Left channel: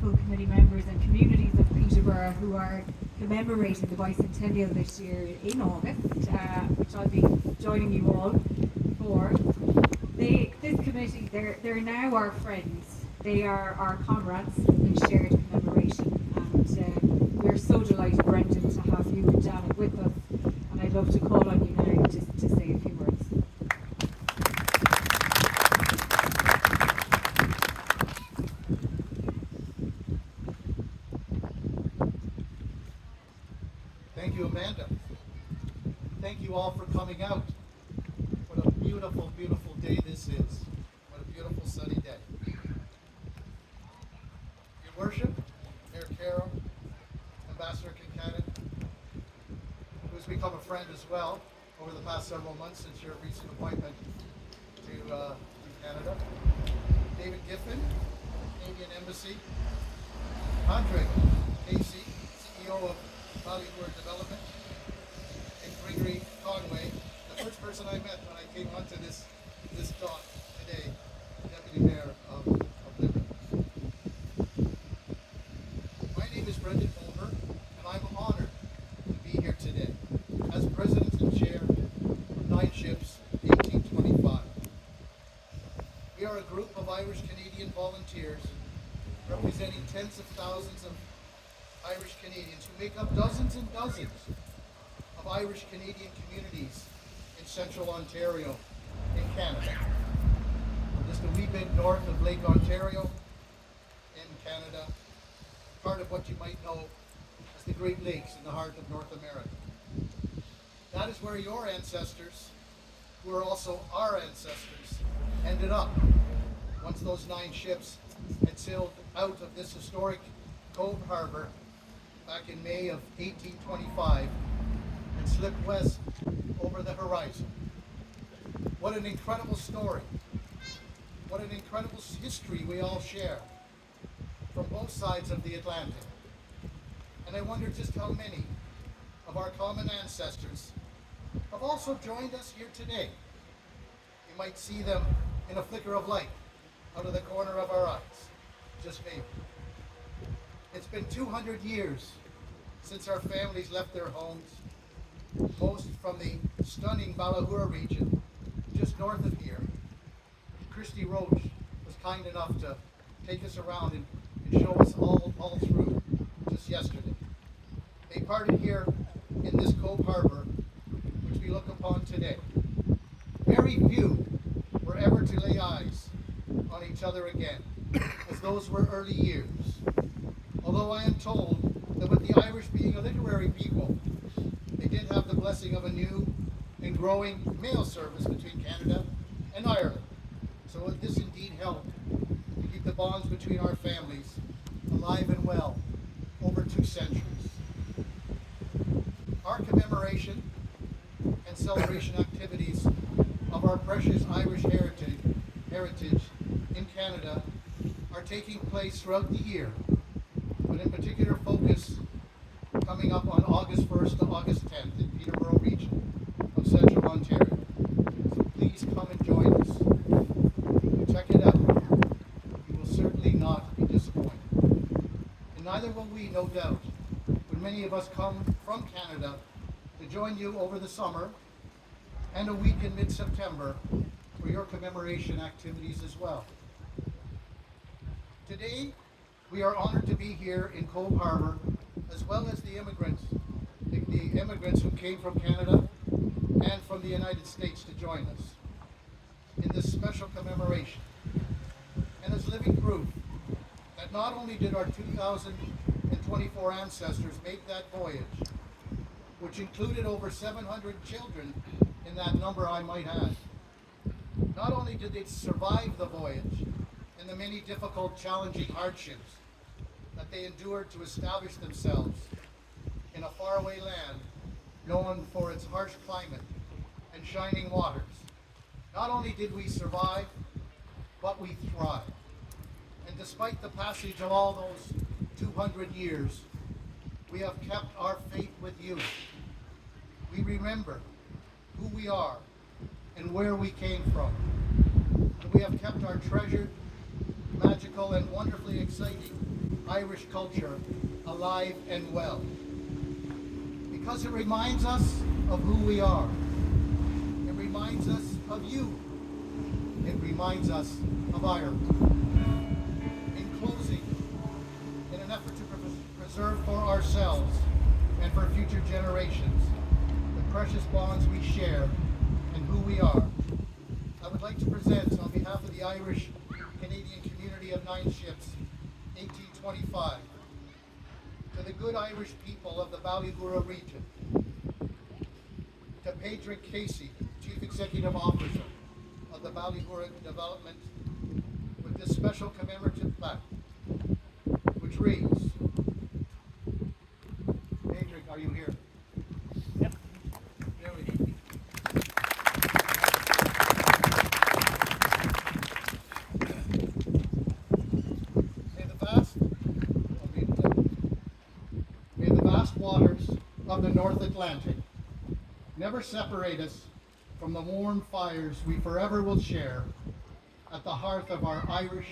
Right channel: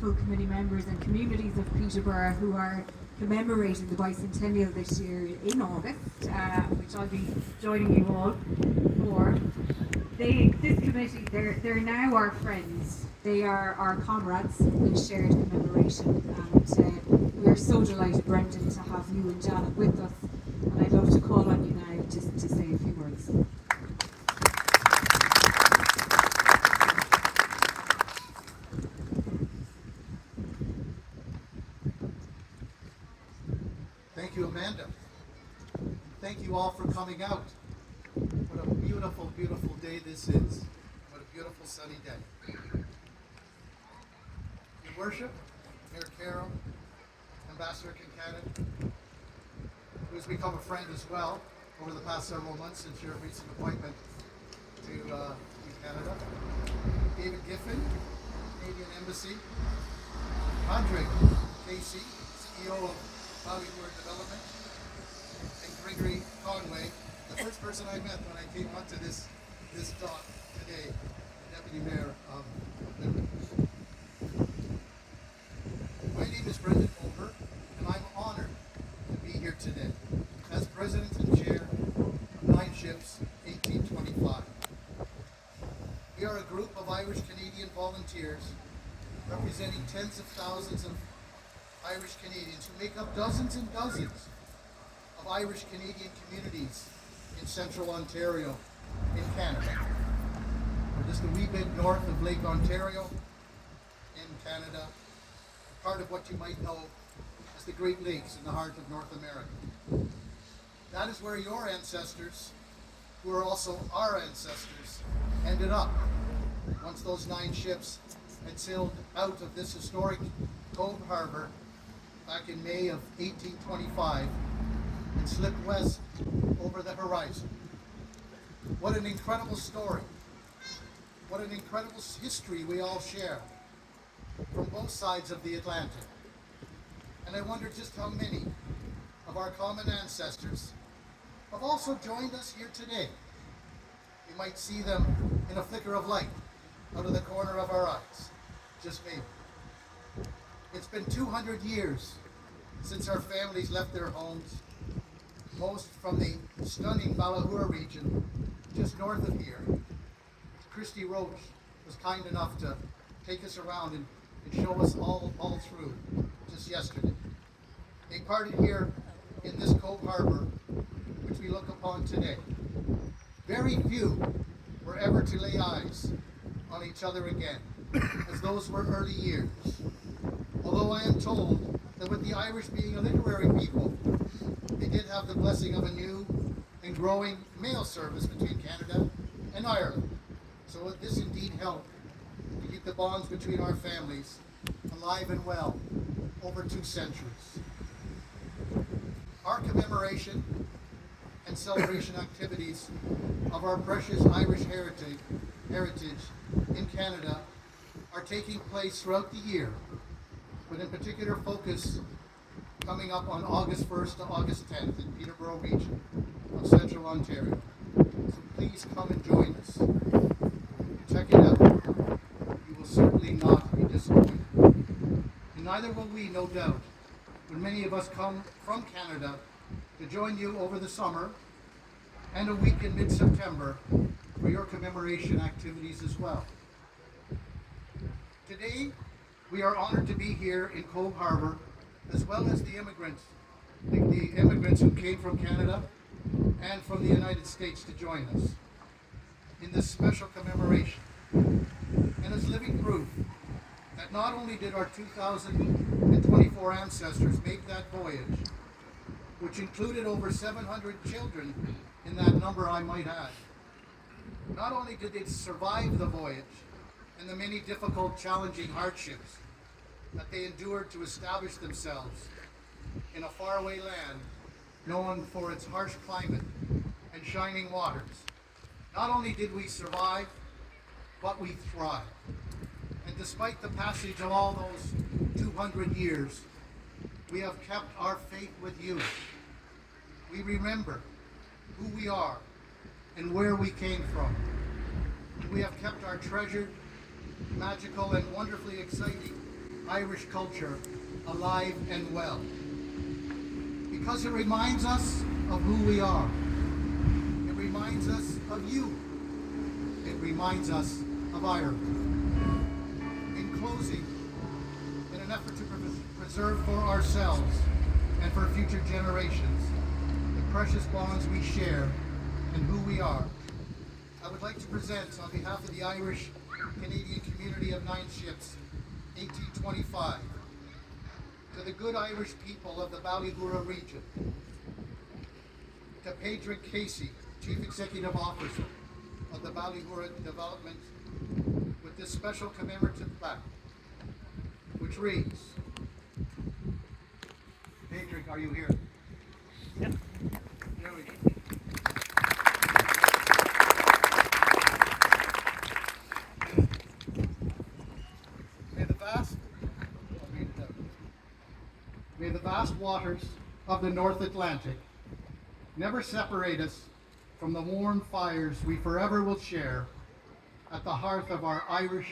wonderful committee members and communities of Peterborough who are commemorating the Bicentennial this year in August, which I'll be joining you all for. This committee, they're now our friends. They are our comrades in shared commemoration, and we're so delighted, Brendan, to have you and Janet with us, and I'd love to call on you now just to say a few words. Thank you, Amanda. Thank you all for coming out. What a beautiful, beautiful day this is. What a beautiful sunny day. Your Worship, Mayor Carroll, Ambassador Kincannon, who has become a friend as well over the past several months since your recent appointment to Canada. David Giffen, Canadian Embassy. Andre Casey, CEO of Ballyhoura Development, and Gregory Conway, the first person I met when I came onto this dot today, Deputy Mayor of Limerick. My name is Brendan Moher, and I'm honored to be here today as President and Chair of 9 Ships 1825. We are a group of Irish Canadian volunteers representing tens of thousands of Irish Canadians who make up dozens and dozens of Irish Canadian communities in central Ontario in Canada. We're just a wee bit north of Lake Ontario in Canada, part of what you might know as the Great Lakes in the heart of North America. That is where your ancestors, who are also our ancestors, ended up once those 9 ships had sailed out of this historic Cobh Harbour back in May of 1825 and slipped west over the horizon. What an incredible story. What an incredible history we all share from both sides of the Atlantic. And I wonder just how many of our common ancestors have also joined us here today. You might see them in a flicker of light out of the corner of our eyes, just maybe. It's been 200 years since our families left their homes, most from the stunning Ballyhoura region, just north of here. Christy Roach was kind enough to take us around and show us all through just yesterday. They parted here in this Cobh Harbour, which we look upon today. Very few were ever to lay eyes on each other again, as those were early years. Although I am told that with the Irish being a literary people, they did have the blessing of a new and growing mail service between Canada and Ireland. So this indeed helped to keep the bonds between our families alive and well over 2 centuries. Our commemoration and celebration activities of our precious Irish heritage in Canada are taking place throughout the year, but in particular focus coming up on August 1st to August 10th in Peterborough region of central Ontario. So please come and join us. Check it out. You will certainly not be disappointed. And neither will we, no doubt, when many of us come from Canada to join you over the summer and a week in mid-September for your commemoration activities as well. Today, we are honored to be here in Cobh Harbour, as well as the immigrants who came from Canada and from the United States to join us in this special commemoration. And as living proof that not only did our 2024 ancestors make that voyage, which included over 700 children in that number, I might add, not only did they survive the voyage and the many difficult, challenging hardships that they endured to establish themselves in a faraway land known for its harsh climate and shining waters. Not only did we survive, but we thrived. And despite the passage of all those 200 years, we have kept our faith with you. We remember who we are and where we came from. And we have kept our treasured, magical, and wonderfully exciting Irish culture alive and well. Because it reminds us of who we are. It reminds us of you. It reminds us of Ireland. In closing, in an effort to preserve for ourselves and for future generations the precious bonds we share and who we are, I would like to present on behalf of the Irish Canadian community of 9 ships, 1825, to the good Irish people of the Ballyhoura region, to Pedro Casey, Chief Executive Officer of the Ballyhoura Development, with this special commemorative plaque, which reads, Pedro, are you here? Yep. There we go. May the vast waters of the North Atlantic never separate us from the warm fires we forever will share at the hearth of our Irish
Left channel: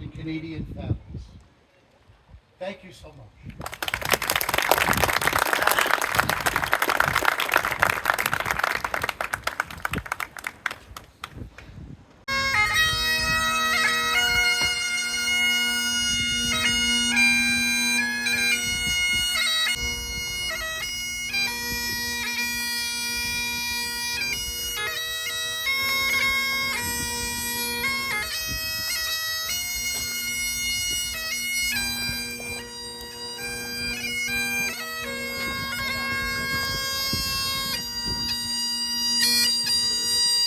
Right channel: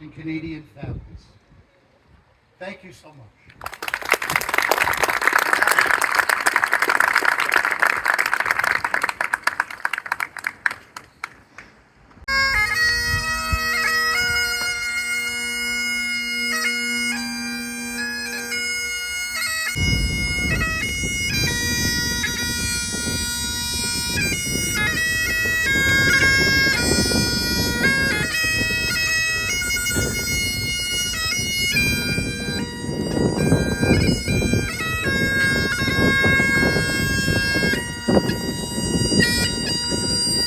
and Canadian families. Thank you so much.